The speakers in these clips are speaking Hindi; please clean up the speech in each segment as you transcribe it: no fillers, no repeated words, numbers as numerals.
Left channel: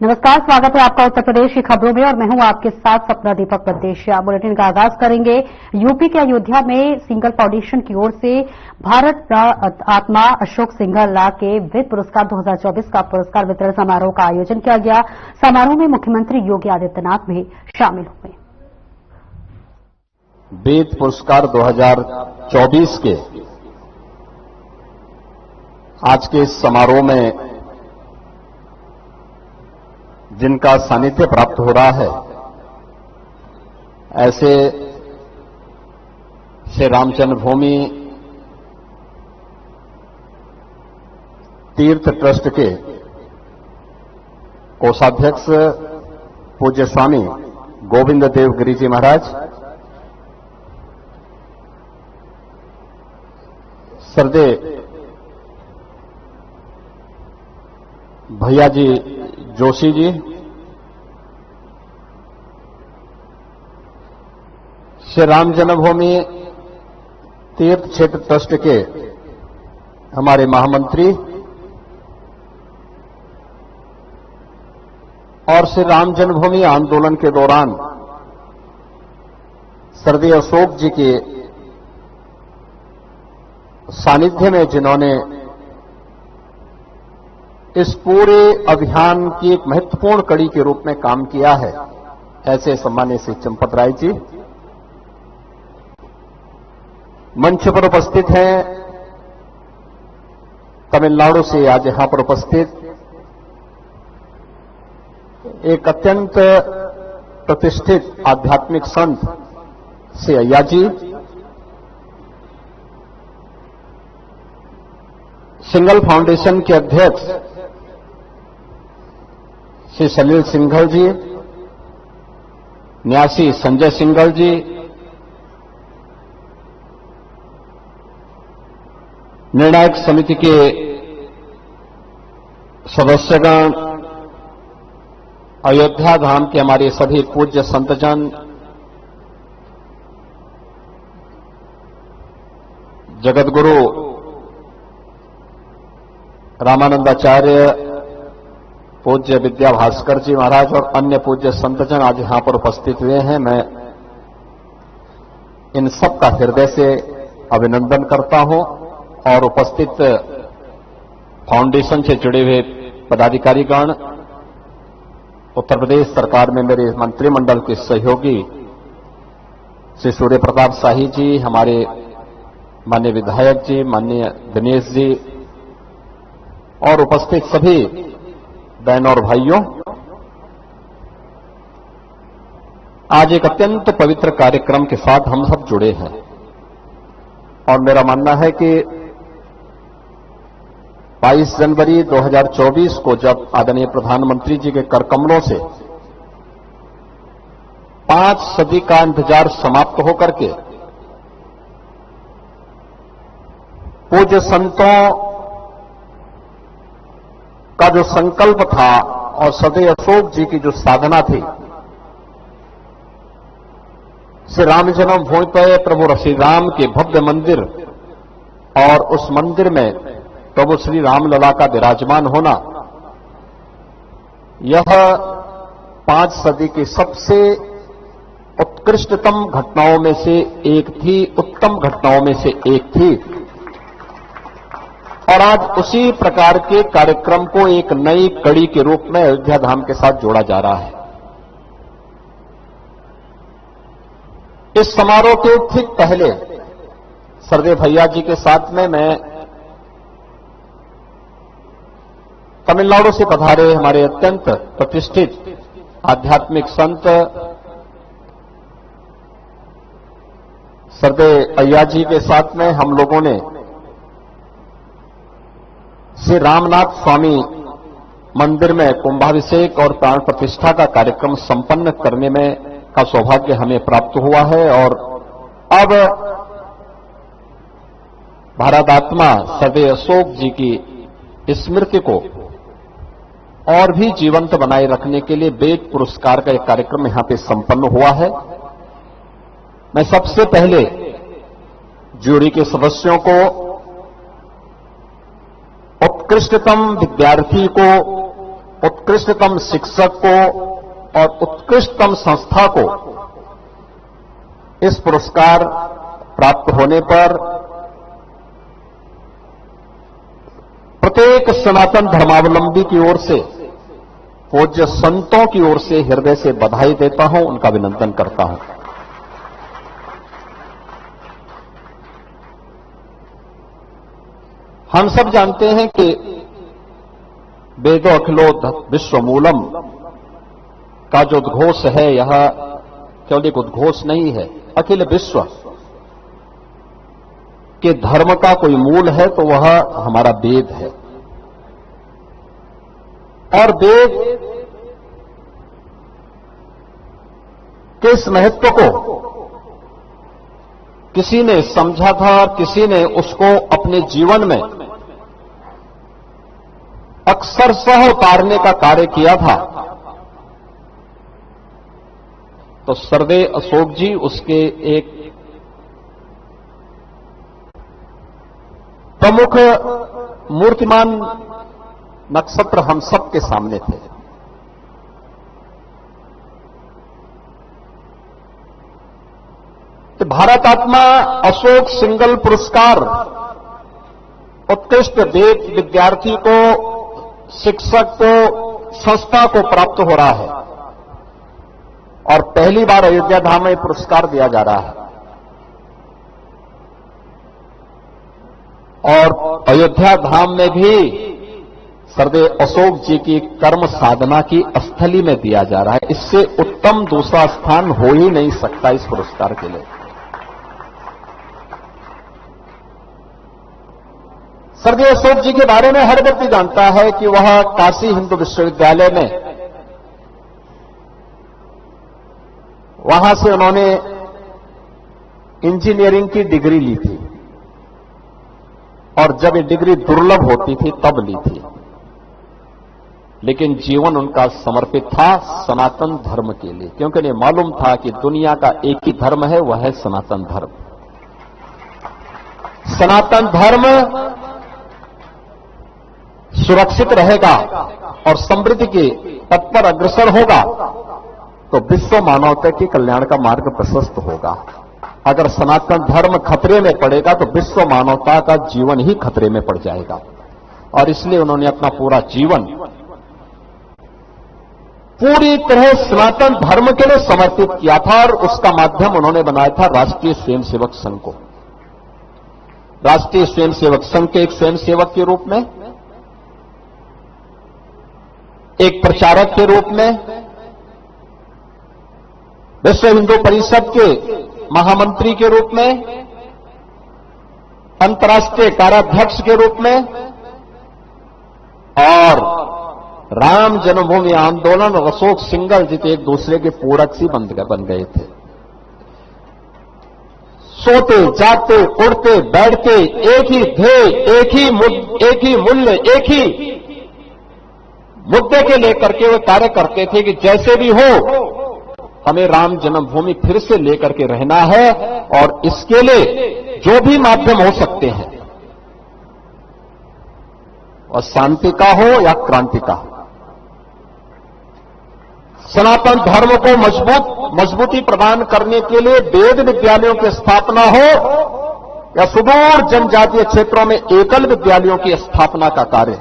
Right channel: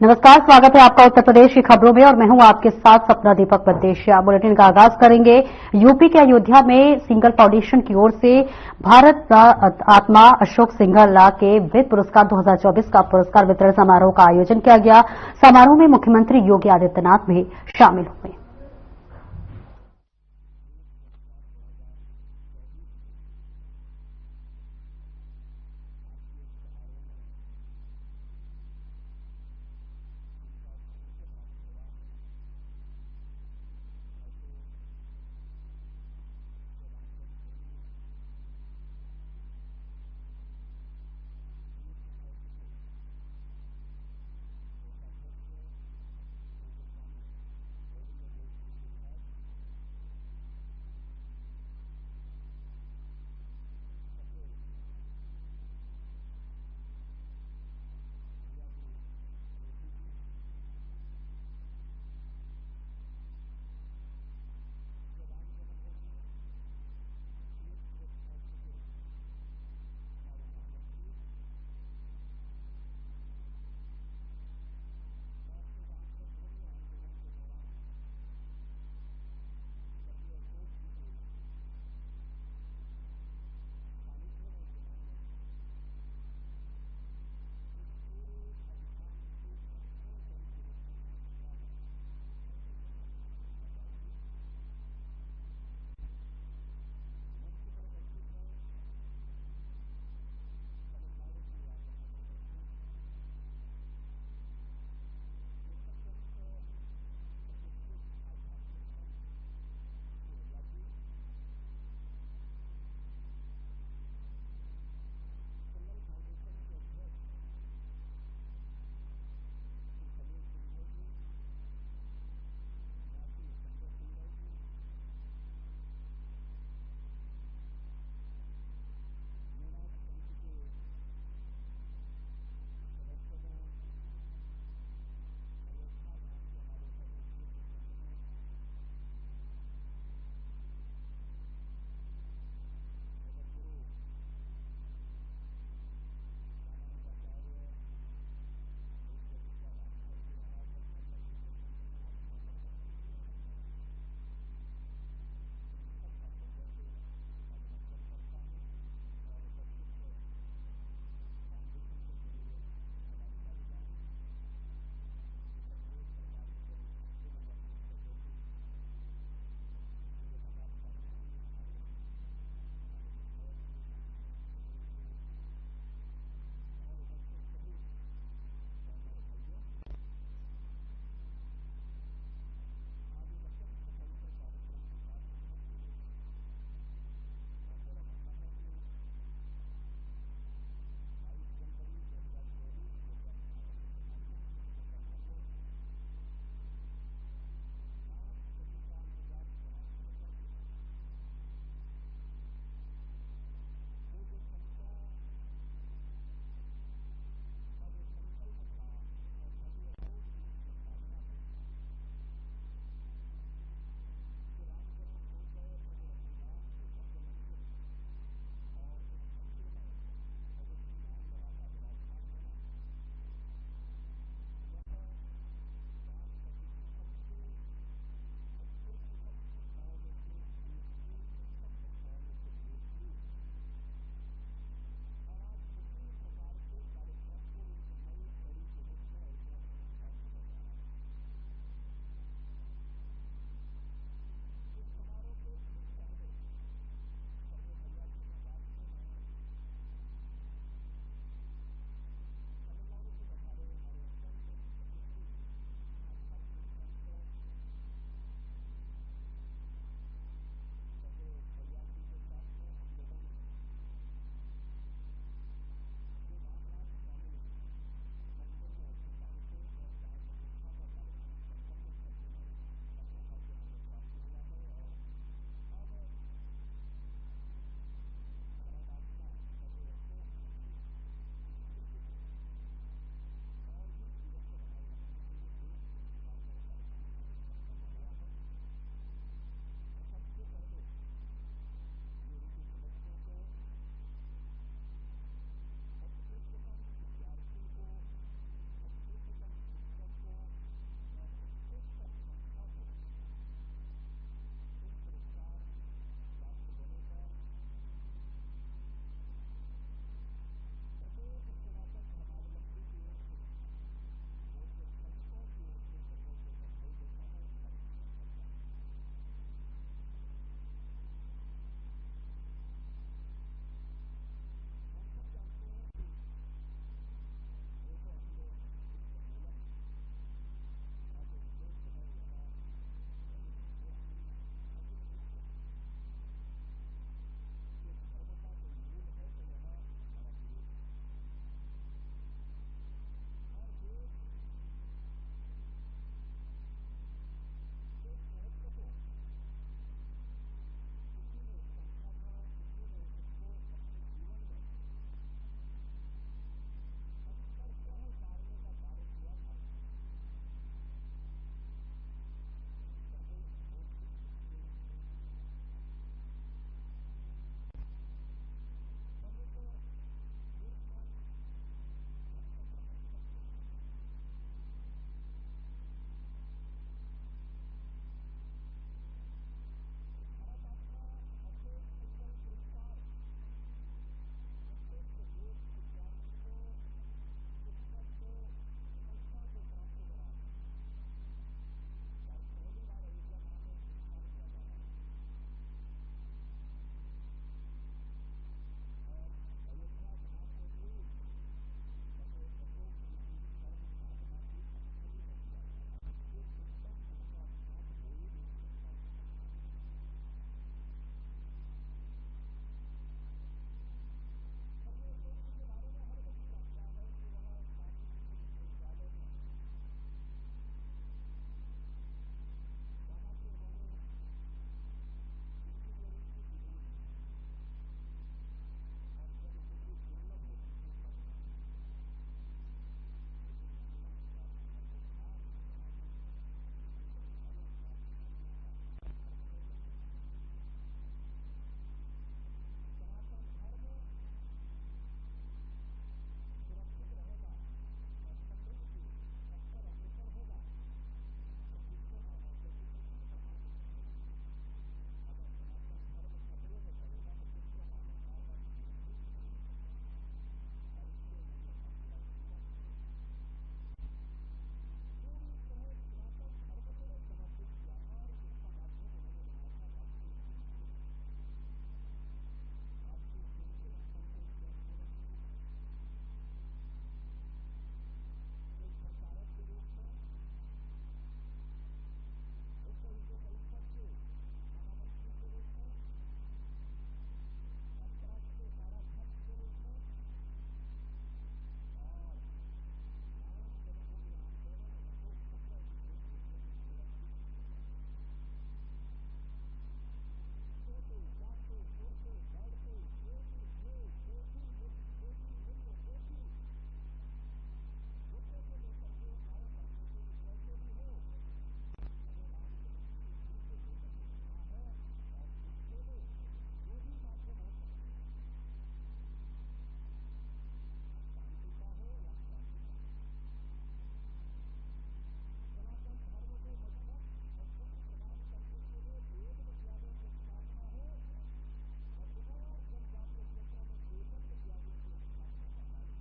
नमस्कार, स्वागत है आपका उत्तर प्रदेश की खबरों में और मैं हूं आपके साथ सपना दीपक प्रदेशिया। बुलेटिन का आगाज करेंगे। यूपी के अयोध्या में सिंघल फाउंडेशन की ओर से भारत आत्मा अशोक सिंघल के वित्त पुरस्कार 2024 का पुरस्कार वितरण समारोह का आयोजन किया गया। समारोह में मुख्यमंत्री योगी आदित्यनाथ भी शामिल हुए। वित्त पुरस्कार 2024 के आज के इस समारोह में जिनका सानिध्य प्राप्त हो रहा है, ऐसे श्री राम जन्मभूमि तीर्थ ट्रस्ट के कोषाध्यक्ष पूज्य स्वामी गोविंद देव गिरी जी महाराज, श्रद्धेय भैया जी जोशी जी, श्री राम जन्मभूमि तीर्थ क्षेत्र ट्रस्ट के हमारे महामंत्री और श्री राम जन्मभूमि आंदोलन के दौरान श्रद्धेय अशोक जी के सानिध्य में जिन्होंने इस पूरे अभियान की एक महत्वपूर्ण कड़ी के रूप में काम किया है, ऐसे सम्मान्य श्री चंपत राय जी मंच पर उपस्थित हैं। तमिलनाडु से आज यहां पर उपस्थित एक अत्यंत प्रतिष्ठित आध्यात्मिक संत श्री अय्या जी, सिंघल फाउंडेशन के अध्यक्ष श्री सलील सिंघल जी, न्यासी संजय सिंघल जी, निर्णायक समिति के सदस्यगण, अयोध्या धाम के हमारे सभी पूज्य संतजन, जगतगुरु रामानंदाचार्य पूज्य विद्या भास्कर जी महाराज और अन्य पूज्य संतजन आज यहां पर उपस्थित हुए हैं। मैं इन सब का हृदय से अभिनंदन करता हूं और उपस्थित फाउंडेशन से जुड़े हुए पदाधिकारीगण, उत्तर प्रदेश सरकार में मेरे मंत्रिमंडल के सहयोगी श्री सूर्य प्रताप शाही जी, हमारे माननीय विधायक जी, माननीय दिनेश जी और उपस्थित सभी बहनों और भाइयों, आज एक अत्यंत पवित्र कार्यक्रम के साथ हम सब जुड़े हैं और मेरा मानना है कि 22 जनवरी 2024 को जब आदरणीय प्रधानमंत्री जी के कर कमलों से 5 सदी का इंतजार समाप्त होकर के पूज्य संतों का जो संकल्प था और श्रद्धेय अशोक जी की जो साधना थी, श्री राम जन्मभूमि पर प्रभु श्री राम के भव्य मंदिर और उस मंदिर में प्रभु श्री रामलला का विराजमान होना, यह 5 सदी की सबसे उत्कृष्टतम घटनाओं में से एक थी, उत्तम घटनाओं में से एक थी। और आज उसी प्रकार के कार्यक्रम को एक नई कड़ी के रूप में अयोध्या धाम के साथ जोड़ा जा रहा है। इस समारोह के ठीक पहले श्रद्धेय भैया जी के साथ में मैं तमिलनाडु से पधारे हमारे अत्यंत प्रतिष्ठित आध्यात्मिक संत श्रद्धेय अय्या जी के साथ में हम लोगों ने श्री रामनाथ स्वामी मंदिर में कुंभाभिषेक और प्राण प्रतिष्ठा का कार्यक्रम संपन्न करने में का सौभाग्य हमें प्राप्त हुआ है और अब भारत आत्मा श्रद्धेय अशोक जी की स्मृति को और भी जीवंत बनाए रखने के लिए वित्त पुरस्कार का एक कार्यक्रम यहां पे संपन्न हुआ है। मैं सबसे पहले जूरी के सदस्यों को, उत्कृष्टतम विद्यार्थी को उत्कृष्टतम शिक्षक को और उत्कृष्टतम संस्था को इस पुरस्कार प्राप्त होने पर प्रत्येक सनातन धर्मावलंबी की ओर से, पूज्य संतों की ओर से हृदय से बधाई देता हूं, उनका अभिनंदन करता हूं। हम सब जानते हैं कि वेदो अखिलो विश्वमूलम का जो उद्घोष है, यह केवल एक उद्घोष नहीं है। अखिल विश्व के धर्म का कोई मूल है तो वह हमारा वेद है। और वेद के इस महत्व को किसी ने समझा था और किसी ने उसको अपने जीवन में अक्षरशः उतारने का कार्य किया था, तो सरदे अशोक जी उसके एक प्रमुख मूर्तिमान नक्षत्र हम सब के सामने थे। तो भारत आत्मा अशोक सिंगल पुरस्कार उत्कृष्ट वेद विद्यार्थी को, शिक्षक को, संस्था को प्राप्त हो रहा है और पहली बार अयोध्या धाम में पुरस्कार दिया जा रहा है। और अयोध्या धाम में भी सरदे अशोक जी की कर्म साधना की स्थली में दिया जा रहा है। इससे उत्तम दूसरा स्थान हो ही नहीं सकता इस पुरस्कार के लिए। सरदे अशोक जी के बारे में हर व्यक्ति जानता है कि वह काशी हिंदू विश्वविद्यालय में, वहां से उन्होंने इंजीनियरिंग की डिग्री ली थी और जब ये डिग्री दुर्लभ होती थी तब ली थी, लेकिन जीवन उनका समर्पित था सनातन धर्म के लिए, क्योंकि उन्हें मालूम था कि दुनिया का एक ही धर्म है, वह है सनातन धर्म। सनातन धर्म सुरक्षित रहेगा और समृद्धि के पथ पर अग्रसर होगा तो विश्व मानवता के कल्याण का मार्ग प्रशस्त होगा। अगर सनातन धर्म खतरे में पड़ेगा तो विश्व मानवता का जीवन ही खतरे में पड़ जाएगा। और इसलिए उन्होंने अपना पूरा जीवन पूरी तरह सनातन धर्म के लिए समर्पित किया था और उसका माध्यम उन्होंने बनाया था राष्ट्रीय स्वयंसेवक संघ को। राष्ट्रीय स्वयंसेवक संघ के एक स्वयंसेवक के रूप में, एक प्रचारक के रूप में, विश्व हिंदू परिषद के महामंत्री के रूप में, अंतर्राष्ट्रीय कार्याध्यक्ष के रूप में और राम जन्मभूमि आंदोलन और अशोक सिंगल जी एक दूसरे के पूरक सी बन गए थे। सोते जागते उड़ते बैठते एक ही ध्येय, एक ही मूल्य, एक ही मुद्दे के लेकर के वे कार्य करते थे कि जैसे भी हो हमें राम जन्मभूमि फिर से लेकर के रहना है और इसके लिए जो भी माध्यम हो सकते हैं, और शांति का हो या क्रांति का हो, सनातन धर्म को मजबूती प्रदान करने के लिए वेद विद्यालयों की स्थापना हो या सुदूर जनजातीय क्षेत्रों में एकल विद्यालयों की स्थापना का कार्य,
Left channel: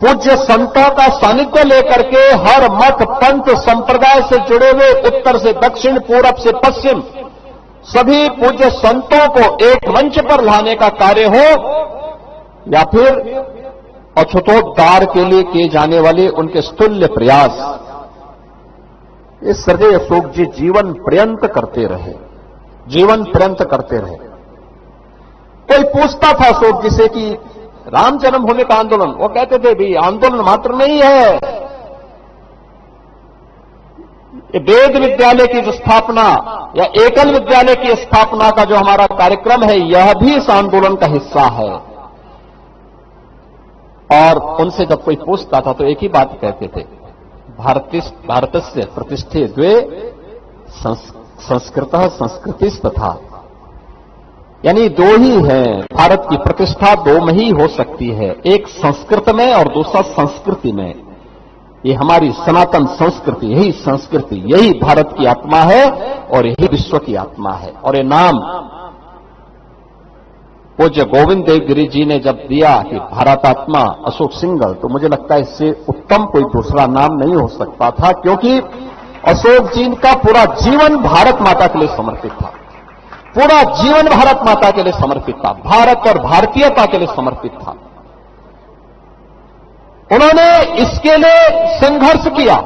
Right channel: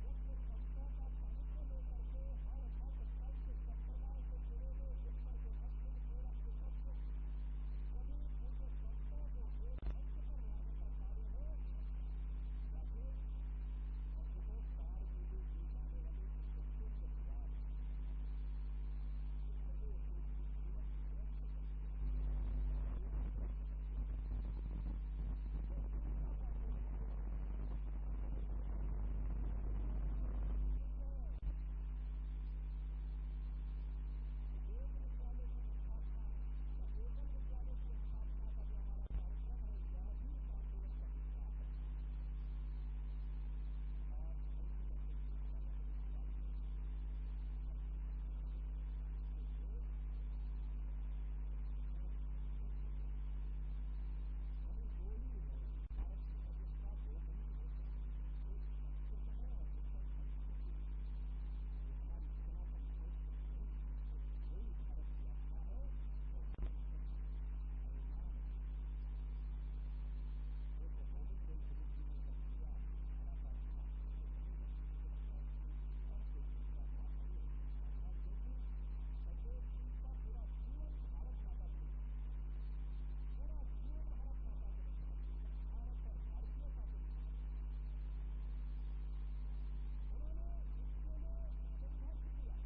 पूज्य संतों का सानिध्य लेकर के हर मत पंथ संप्रदाय से जुड़े हुए उत्तर से दक्षिण, पूरब से पश्चिम सभी पूज्य संतों को एक मंच पर लाने का कार्य हो या फिर अछूतोद्धार के लिए किए जाने वाले उनके स्तुल्य प्रयास, ये सरदे अशोक जी जीवन पर्यंत करते रहे, जीवन पर्यंत करते रहे। कोई पूछता था अशोक जी से कि राम जन्मभूमि का आंदोलन, वो कहते थे भी आंदोलन मात्र नहीं है, ये वेद विद्यालय की जो स्थापना या एकल विद्यालय की स्थापना का जो हमारा कार्यक्रम है यह भी इस आंदोलन का हिस्सा है। और उनसे जब कोई पूछता था तो एक ही बात कहते थे, भारत से प्रतिष्ठे द्वे संस्कृत संस्कृति तथा यानी दो ही हैं। भारत की प्रतिष्ठा दो में ही हो सकती है, एक संस्कृत में और दूसरा संस्कृति में। ये हमारी सनातन संस्कृति, यही संस्कृति, यही भारत की आत्मा है और यही विश्व की आत्मा है। और ये नाम पूज्य गोविंद देव गिरी जी ने जब दिया कि भारतात्मा अशोक सिंघल, तो मुझे लगता है इससे उत्तम कोई दूसरा नाम नहीं हो सकता था, क्योंकि अशोक जी का पूरा जीवन भारत माता के लिए समर्पित था। पूरा जीवन भारत माता के लिए समर्पित था, भारत और भारतीयता के लिए समर्पित था। उन्होंने इसके लिए संघर्ष किया,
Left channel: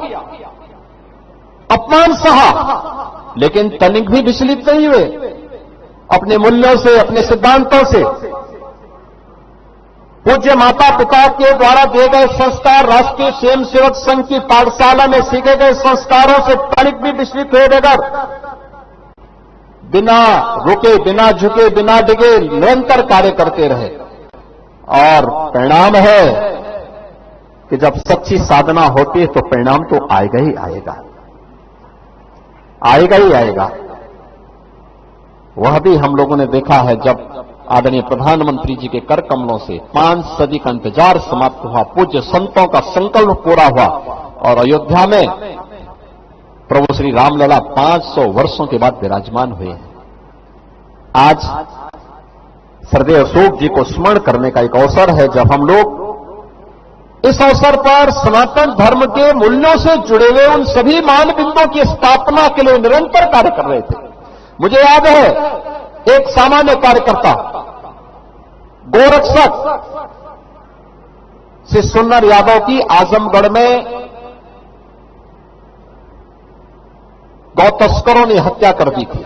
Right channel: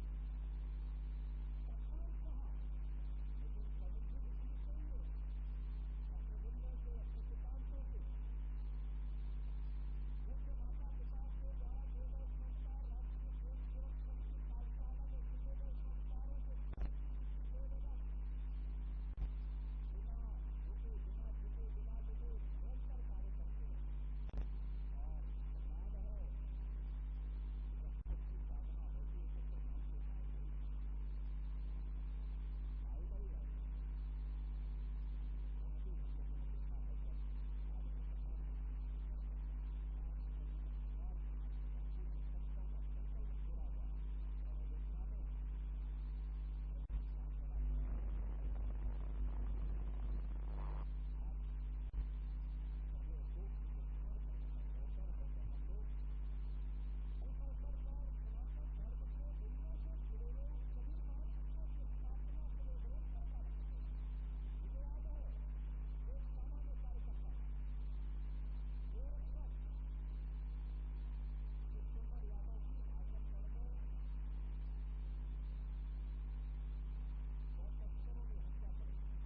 अपमान सहा, लेकिन तनिक भी विचलित नहीं हुए अपने मूल्यों से, अपने सिद्धांतों से। पूज्य माता पिता के द्वारा दिए गए संस्कार, राष्ट्रीय स्वयंसेवक संघ की पाठशाला में सीखे गए संस्कारों से तनिक भी विचलित हुए बगैर, बिना रुके, बिना झुके, बिना डिगे निरंतर कार्य करते रहे। और परिणाम है कि जब सच्ची साधना होती है तो परिणाम तो आएगा ही आएगा, आएगा ही आएगा। वह भी हम लोगों ने देखा है, जब आदरणीय प्रधानमंत्री जी के कर कमलों से 5 सदी का इंतजार समाप्त हुआ, पूज्य संतों का संकल्प पूरा हुआ और अयोध्या में प्रभु श्री रामलला 500 वर्षों के बाद विराजमान हुए हैं। आज श्रद्धेय अशोक जी को स्मरण करने का एक अवसर है, जब हम लोग इस अवसर पर सनातन धर्म के मूल्यों से जुड़े हुए उन सभी मानबिंदुओं की स्थापना के लिए निरंतर कार्य कर रहे थे। मुझे याद है, एक सामान्य कार्यकर्ता, गोरक्षक श्री सुन्नर यादव की आजमगढ़ में गौ तस्करों ने हत्या कर दी थी।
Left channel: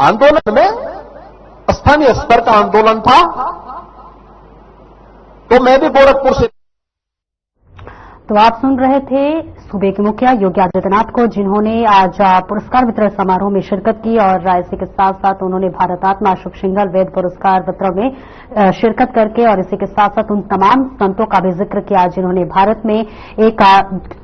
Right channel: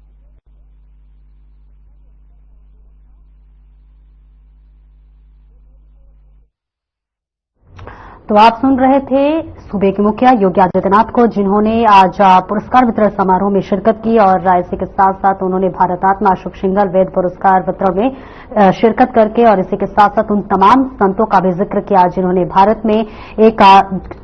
आंदोलन में स्थानीय स्तर का आंदोलन था, तो मैं भी गोरखपुर से। तो आप सुन रहे थे सूबे के मुखिया योगी आदित्यनाथ को, जिन्होंने आज पुरस्कार वितरण समारोह में शिरकत की और इसी के साथ साथ उन्होंने भारतात्मा अशोक सिंघल वेद पुरस्कार वितरण में शिरकत करके और इसी के साथ साथ उन तमाम संतों का भी जिक्र किया जिन्होंने भारत में एक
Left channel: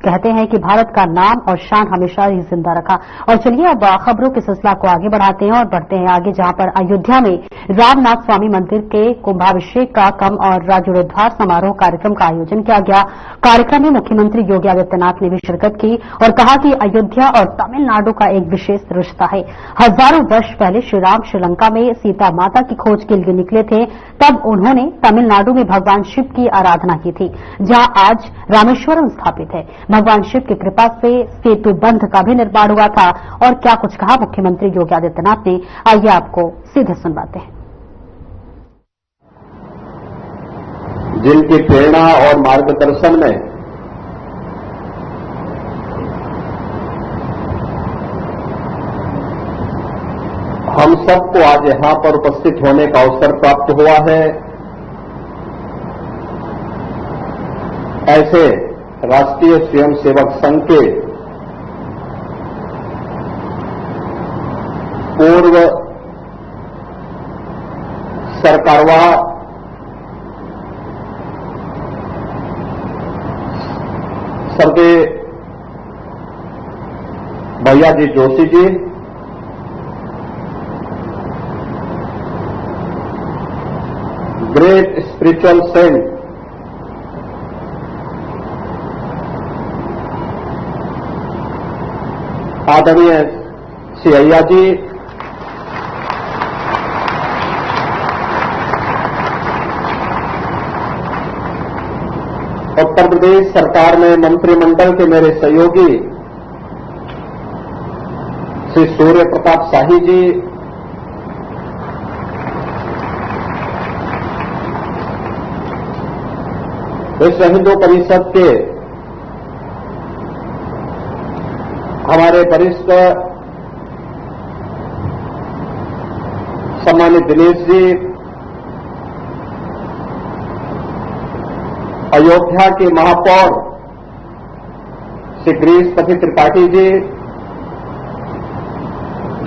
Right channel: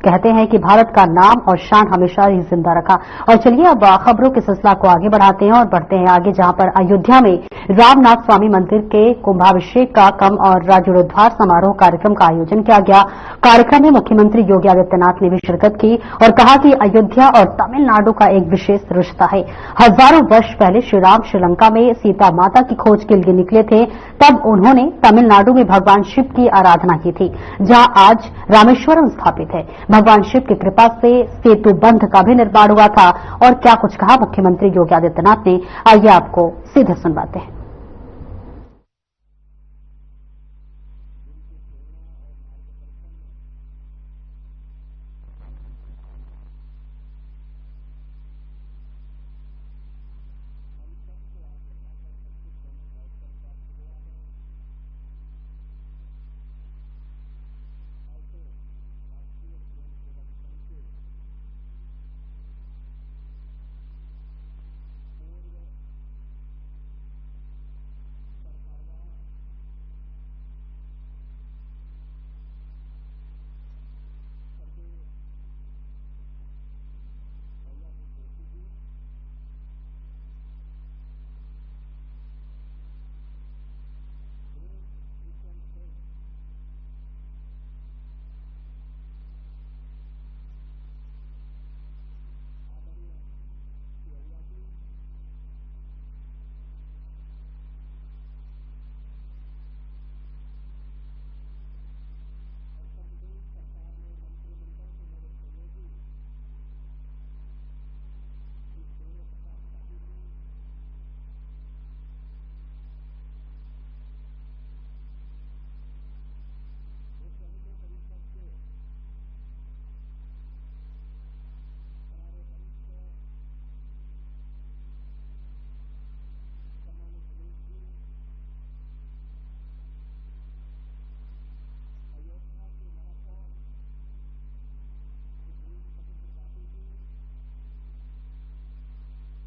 कहते हैं कि भारत का नाम और शान हमेशा ही जिंदा रखा। और चलिए अब खबरों के सिलसिला को आगे बढ़ाते हैं और बढ़ते हैं आगे, जहां पर अयोध्या में रामनाथ स्वामी मंदिर के कुंभाभिषेक का कम और जीर्णोद्धार समारोह कार्यक्रम का आयोजन किया गया। कार्यक्रम में मुख्यमंत्री योगी आदित्यनाथ ने भी शिरकत की और कहा कि अयोध्या और तमिलनाडु का एक विशेष रिश्ता है। हजारों वर्ष पहले श्री राम श्रीलंका में सीता माता की खोज के लिए निकले थे, तब उन्होंने तमिलनाडु में भगवान शिव की आराधना की थी, जहां आज रामेश्वरम स्थापित है। भगवान शिव की कृपा से सेतु बंध का भी निर्माण हुआ था। और क्या कुछ कहा मुख्यमंत्री योगी आदित्यनाथ ने, आइए आपको सीधे सुनवाते हैं। जिनकी प्रेरणा और मार्गदर्शन में हम सबको आज यहां पर उपस्थित होने का अवसर प्राप्त हुआ है, ऐसे राष्ट्रीय स्वयंसेवक संघ के पूर्व सरकारवाह श्रद्धेय भैया ji Joshi ji, great spiritual Saint आदरणीय श्री अय्या जी, उत्तर प्रदेश सरकार में मंत्रिमंडल के मेरे सहयोगी श्री सूर्य प्रताप शाही जी, विश्व हिंदू परिषद के हमारे वरिष्ठ सम्मानित दिनेश जी, अयोध्या के महापौर श्री गिरीशपति त्रिपाठी जी,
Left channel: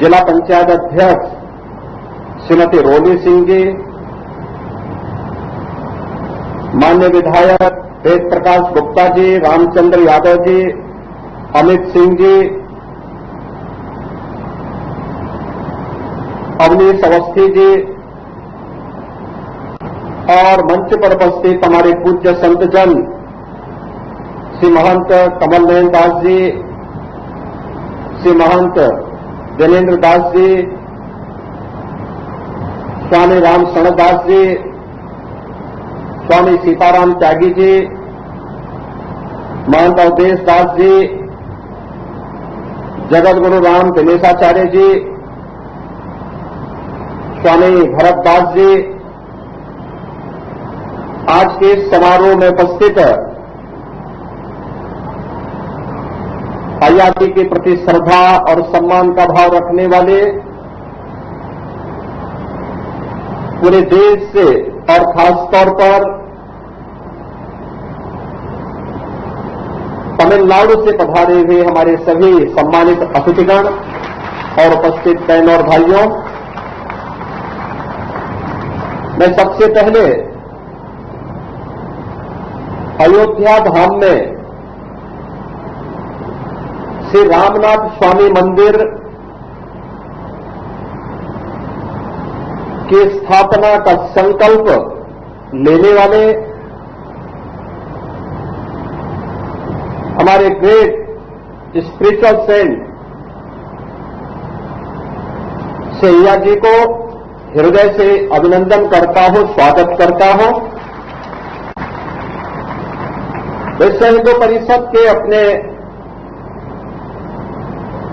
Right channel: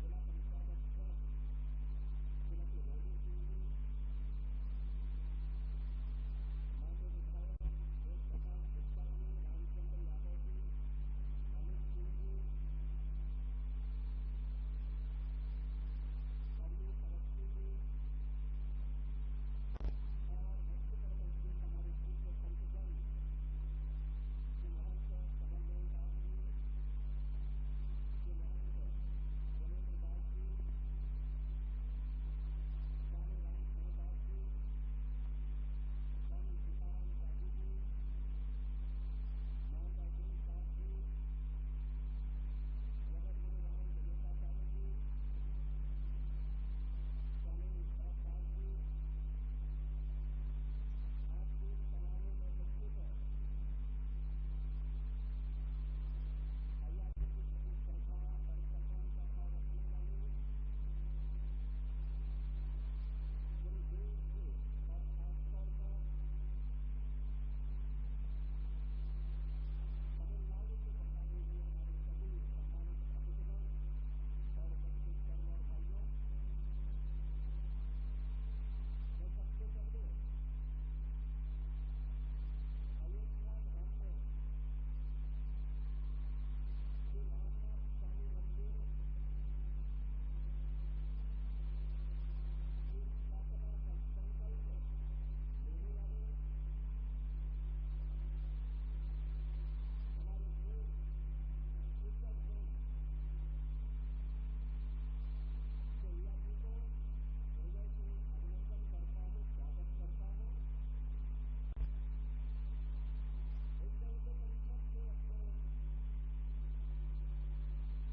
जिला पंचायत अध्यक्ष श्रीमती रोली सिंह जी, माननीय विधायक वेद प्रकाश गुप्ता जी, रामचंद्र यादव जी, अमित सिंह जी, अवनीश अवस्थी जी और मंच पर उपस्थित हमारे पूज्य संतजन श्री महंत कमल नयन दास जी, श्री महंत दिनेन्द्र दास जी, स्वामी राम शरण दास जी, स्वामी सीताराम त्यागी जी, महंत अवधेश दास जी, जगत गुरु राम दिनेशाचार्य जी, स्वामी भरत दास जी, आज के इस समारोह में उपस्थित आजादी के प्रति श्रद्धा और सम्मान का भाव रखने वाले पूरे देश से और खासतौर पर तमिलनाडु से पधारे हुए हमारे सभी सम्मानित अतिथिगण और उपस्थित बहनों और भाइयों, मैं सबसे पहले अयोध्या धाम में श्री रामनाथ स्वामी मंदिर की स्थापना का संकल्प लेने वाले हमारे ग्रेट स्पिरिचुअल सेंट सैया जी को हृदय से अभिनंदन करता हूं, स्वागत करता हूं। विश्व हिंदू परिषद के अपने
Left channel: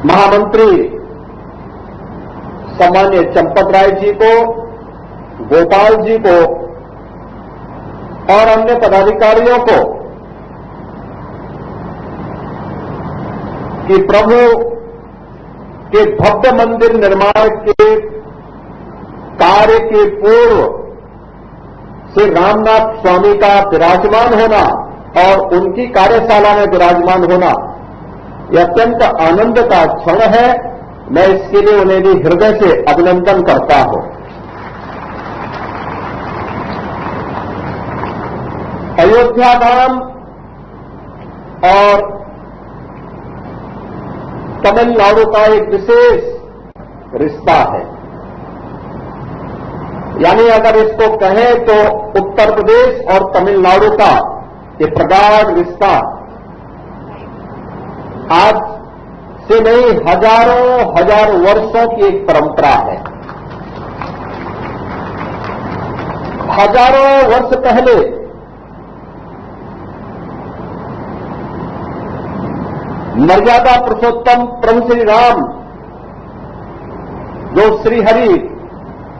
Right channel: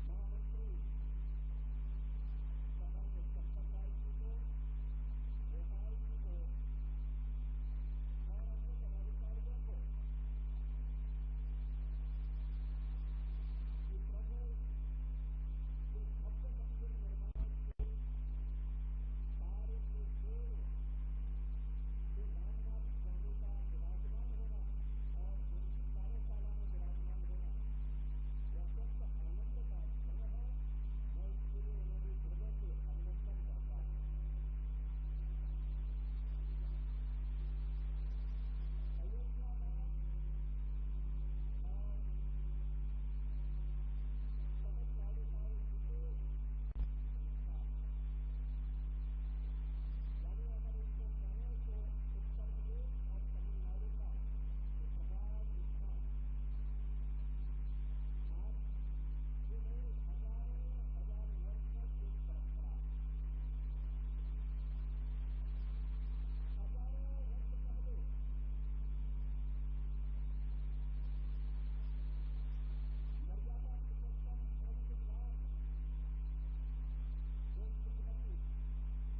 महामंत्री सम्मान्य चंपत राय जी को, गोपाल जी को और अन्य पदाधिकारियों को कि प्रभु के भव्य मंदिर निर्माण के कार्य के पूर्व श्री रामनाथ स्वामी का विराजमान होना और उनकी कार्यशाला में विराजमान होना यह अत्यंत आनंद का क्षण है। मैं इसके लिए उन्हें भी हृदय से अभिनंदन करता हूं। अयोध्या धाम और तमिलनाडु का एक विशेष रिश्ता है, यानी अगर इसको कहें तो उत्तर प्रदेश और तमिलनाडु का ये प्रगाढ़ रिश्ता आज से नहीं हजारों वर्षों की एक परंपरा है। हजारों वर्ष पहले मर्यादा पुरुषोत्तम प्रभु श्री राम, जो श्रीहरि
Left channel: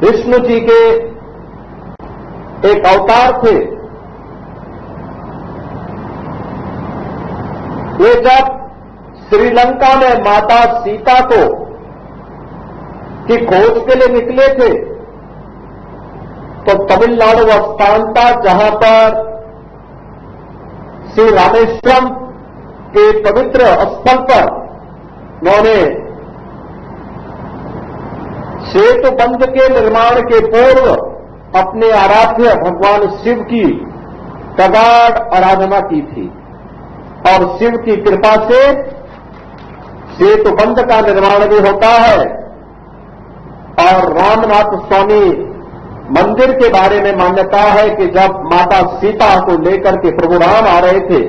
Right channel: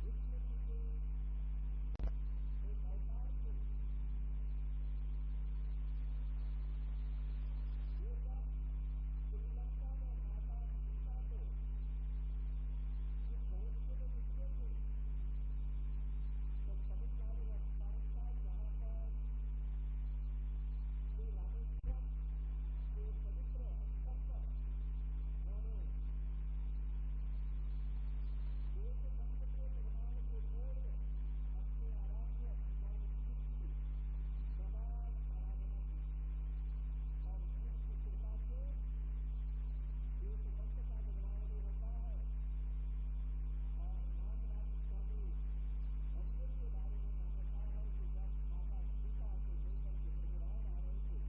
विष्णु जी के एक अवतार थे, वे जब श्रीलंका में माता सीता को की खोज के लिए निकले थे तो तमिलनाडु स्थान था जहां पर श्री रामेश्वरम के पवित्र स्थल पर उन्होंने सेतु बंध के निर्माण के पूर्व अपने आराध्य भगवान शिव की प्रगाढ़ आराधना की थी और शिव की कृपा से सेतु बंध का निर्माण भी होता है। और रामनाथ स्वामी मंदिर के बारे में मान्यता है कि जब माता सीता को लेकर के प्रभु राम आ रहे थे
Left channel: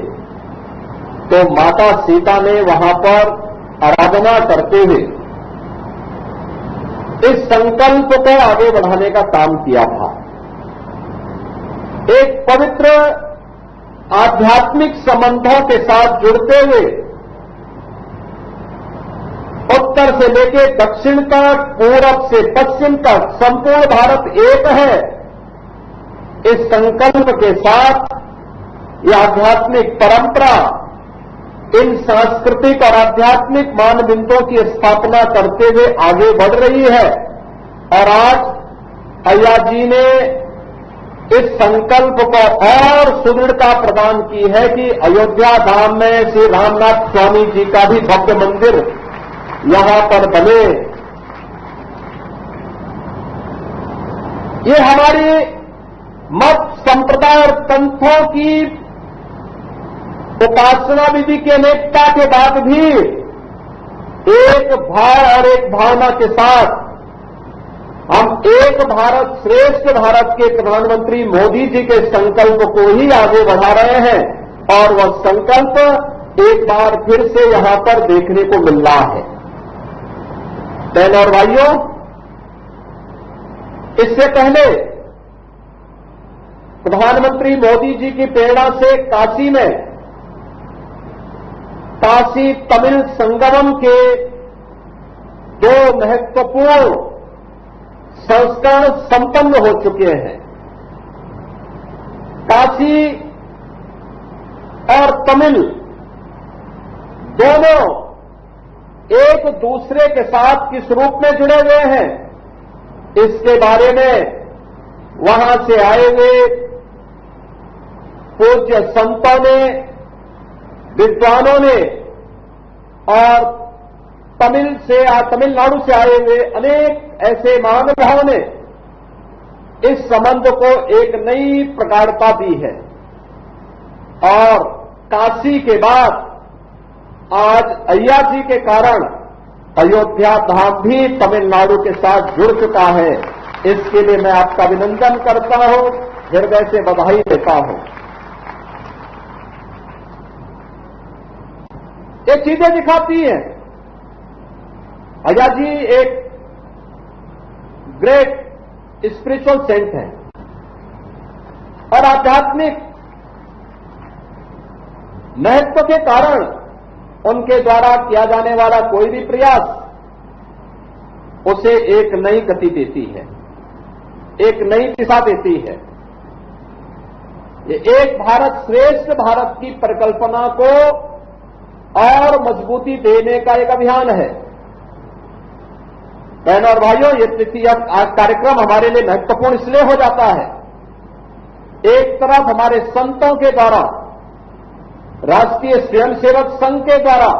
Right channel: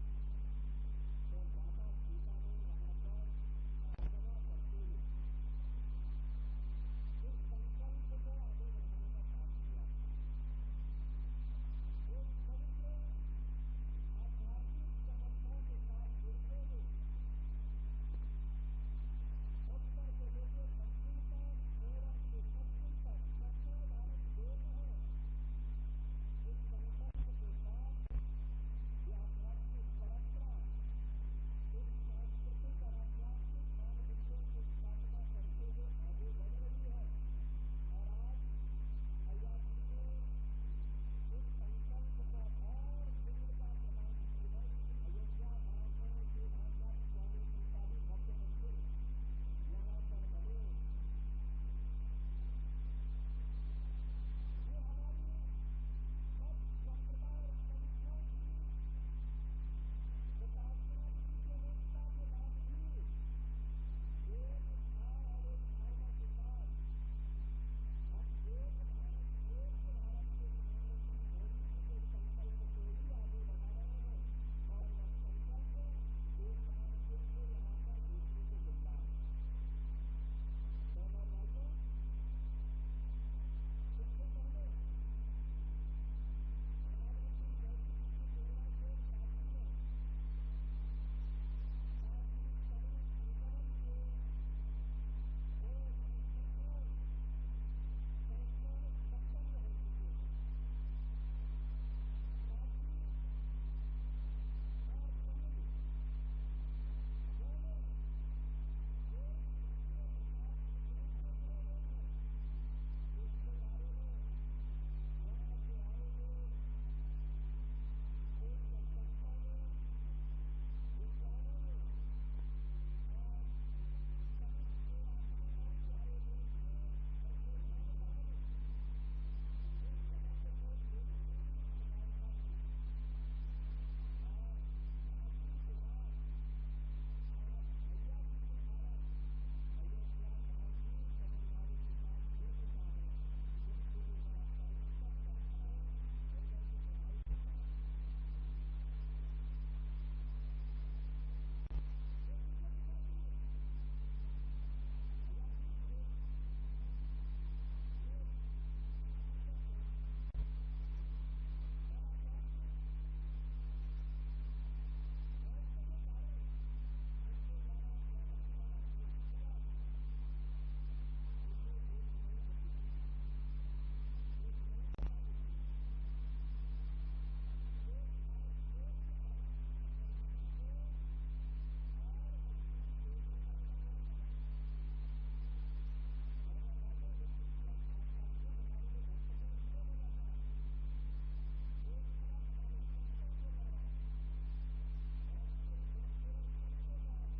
तो माता सीता ने वहां पर आराधना करते हुए इस संकल्प को आगे बढ़ाने का काम किया था। एक पवित्र आध्यात्मिक संबंधों के साथ जुड़ते हुए उत्तर से लेकर दक्षिण तक, पूरब से पश्चिम तक संपूर्ण भारत एक है। इस संकल्प के साथ यह आध्यात्मिक परंपरा इन सांस्कृतिक और आध्यात्मिक मानदंडों की स्थापना करते हुए आगे बढ़ रही है। और आज अय्या जी ने इस संकल्प को और सुदृढ़ता प्रदान की है कि अयोध्या धाम में श्री रामनाथ स्वामी जी का भी भव्य मंदिर यहां पर बने। ये हमारी मत संप्रदाय और पंथों की उपासना विधि की अनेकता के बाद भी एक भाव और एक भावना के साथ हम एक भारत श्रेष्ठ भारत के प्रधानमंत्री मोदी जी के संकल्प को ही आगे बढ़ा रहे हैं और वह संकल्प एक बार फिर से यहां पर देखने को मिल रहा है। बहनों और भाइयों, इससे पहले प्रधानमंत्री मोदी जी की प्रेरणा से काशी में काशी तमिल संगमम के दो महत्वपूर्ण संस्करण संपन्न हो चुके हैं। काशी और तमिल दोनों एक दूसरे के साथ किस रूप में जुड़े हुए हैं, इसके बारे में वहां से आए हुए पूज्य संतों ने, विद्वानों ने और तमिलनाडु से आए हुए अनेक ऐसे महानुभावों ने इस संबंध को एक नई प्रगाढ़ता दी है। और काशी के बाद आज अय्या जी के कारण अयोध्या धाम भी तमिलनाडु के साथ जुड़ चुका है। इसके लिए मैं आपका अभिनंदन करता हूं, हृदय से बधाई देता हूं। ये चीजें दिखाती हैं, अय्या जी एक ग्रेट स्पिरिचुअल सेंट है और आध्यात्मिक महत्व के कारण उनके द्वारा किया जाने वाला कोई भी प्रयास उसे एक नई गति देती है, एक नई दिशा देती है। ये एक भारत श्रेष्ठ भारत की परिकल्पना को और मजबूती देने का एक अभियान है। बहनों और भाइयों, ये तृतीय कार्यक्रम हमारे लिए महत्वपूर्ण इसलिए हो जाता है, एक तरफ हमारे संतों के द्वारा, राष्ट्रीय स्वयंसेवक संघ के द्वारा,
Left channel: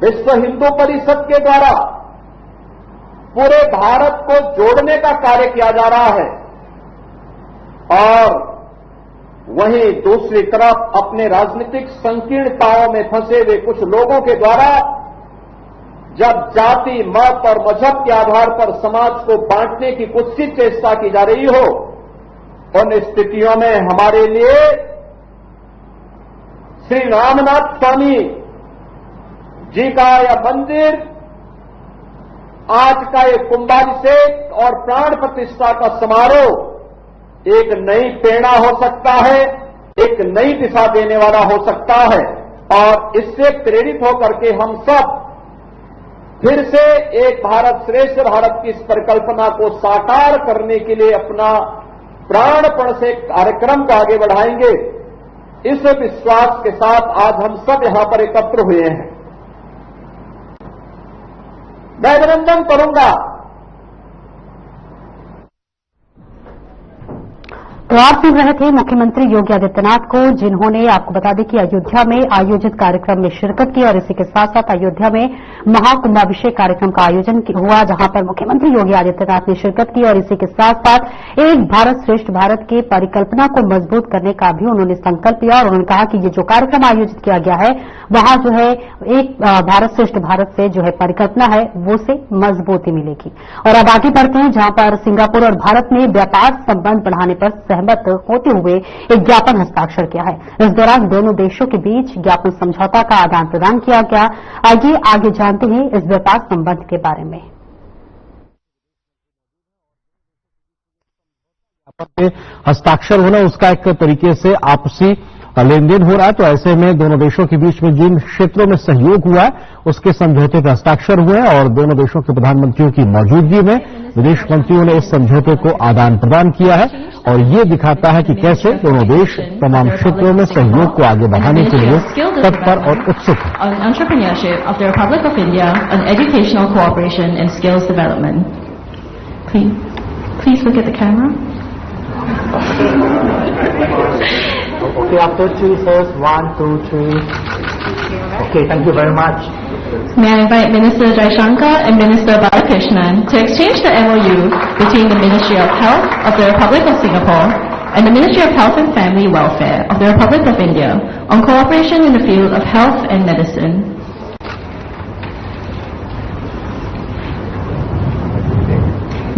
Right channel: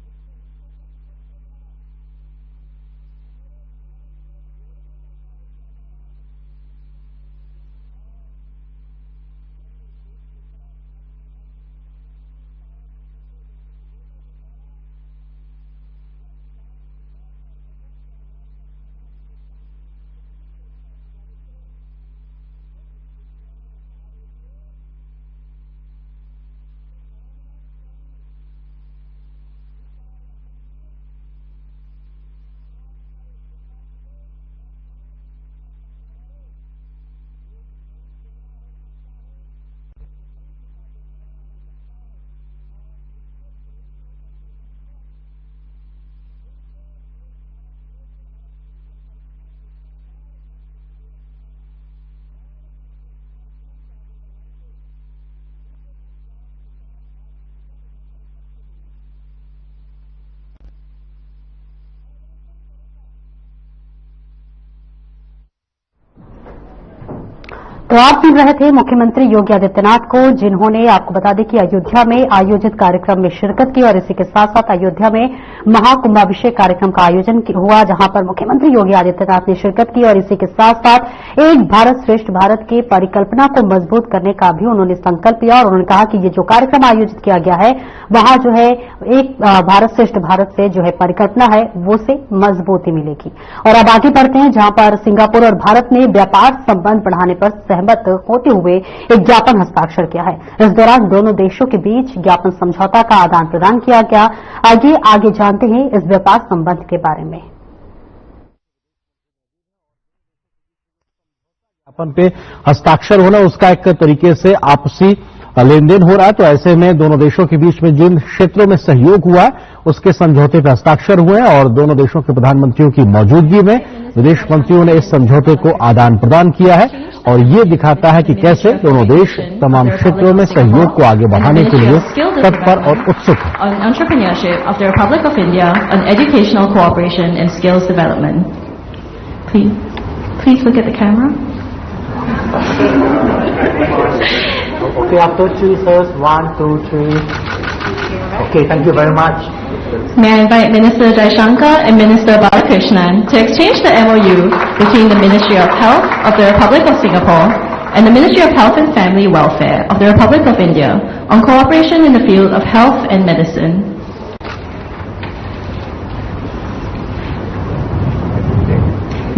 विश्व हिंदू परिषद के द्वारा पूरे भारत को जोड़ने का कार्य किया जा रहा है और वहीं दूसरी तरफ अपने राजनीतिक संकीर्णताओं में फंसे हुए कुछ लोगों के द्वारा जब जाति, मत और मजहब के आधार पर समाज को बांटने की कुत्सित चेष्टा की जा रही हो, उन स्थितियों में हमारे लिए श्री रामनाथ स्वामी जी का यह मंदिर, आज का ये कुंभाभिषेक और प्राण प्रतिष्ठा का समारोह एक नई प्रेरणा हो सकता है, एक नई दिशा देने वाला हो सकता है और इससे प्रेरित होकर के हम सब फिर से एक भारत श्रेष्ठ भारत की इस परिकल्पना को साकार करने के लिए अपना प्राणपण से कार्यक्रम को आगे बढ़ाएंगे। इस विश्वास के साथ आज हम सब यहां पर एकत्र हुए हैं। मैं अभिनंदन करूंगा। तो आप सुन रहे थे मुख्यमंत्री योगी आदित्यनाथ को, जिन्होंने आपको बता दें कि अयोध्या में आयोजित कार्यक्रम में शिरकत की और इसी के साथ साथ अयोध्या में महाकुंभाभिषेक कार्यक्रम का आयोजन हुआ, जहां पर मुख्यमंत्री योगी आदित्यनाथ ने शिरकत की और इसी के साथ साथ एक भारत श्रेष्ठ भारत की परिकल्पना को मजबूत करने का भी उन्होंने संकल्प लिया और उन्होंने कहा कि ये जो कार्यक्रम आयोजित किया गया है वहां जो है एक भारत श्रेष्ठ भारत से जो है परिकल्पना है वो से मजबूती मिलेगी। और अब आगे बढ़ते हैं, जहां पर सिंगापुर और भारत ने व्यापार संबंध बढ़ाने पर सहमत होते हुए एक ज्ञापन हस्ताक्षर किया है। इस दौरान दोनों देशों के बीच ज्ञापन समझौता का आदान प्रदान किया गया। आगे जानते हैं इस व्यापार संबंध के बारे में। ज्ञापन पे हस्ताक्षर होना, उसका एक तरीके से आपसी लेन देन हो रहा है। तो ऐसे में दोनों देशों के बीच में जिन क्षेत्रों में सहयोग हुआ है उसके समझौते पर हस्ताक्षर हुए हैं और दोनों देशों के प्रधानमंत्रियों की मौजूदगी में विदेश मंत्रियों ने इस समझौते को आदान प्रदान किया है और ये दिखाता है कि कैसे दोनों देश तमाम क्षेत्रों में सहयोग को आगे बढ़ाने के लिए तत्पर और उत्सुक हैं। On entrepreneurship of the Republic of India, on educational cooperation and skills development. Please look at the camera. Okay, after three, sirs. 1, 2, 3. Okay, thank you very much. May I invite Minister Jaishankar and Minister Balakrishnan to exchange the MOU between the Ministry of Health of the Republic of Singapore and the Ministry of Health and Family Welfare of the Republic of India on cooperation in the field of health and medicine.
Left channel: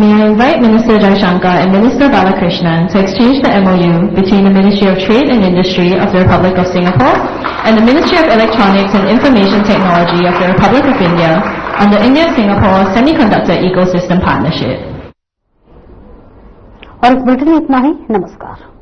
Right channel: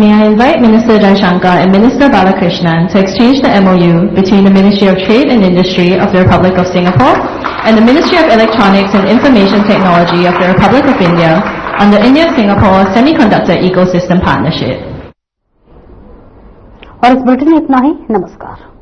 May I invite Minister Jaishankar and Minister Balakrishnan to exchange the MOU between the Ministry of Trade and Industry of the Republic of Singapore and the Ministry of Electronics and Information Technology of the Republic of India on the India-Singapore Semiconductor Ecosystem Partnership. और इस बुलेटिन में इतना ही। नमस्कार।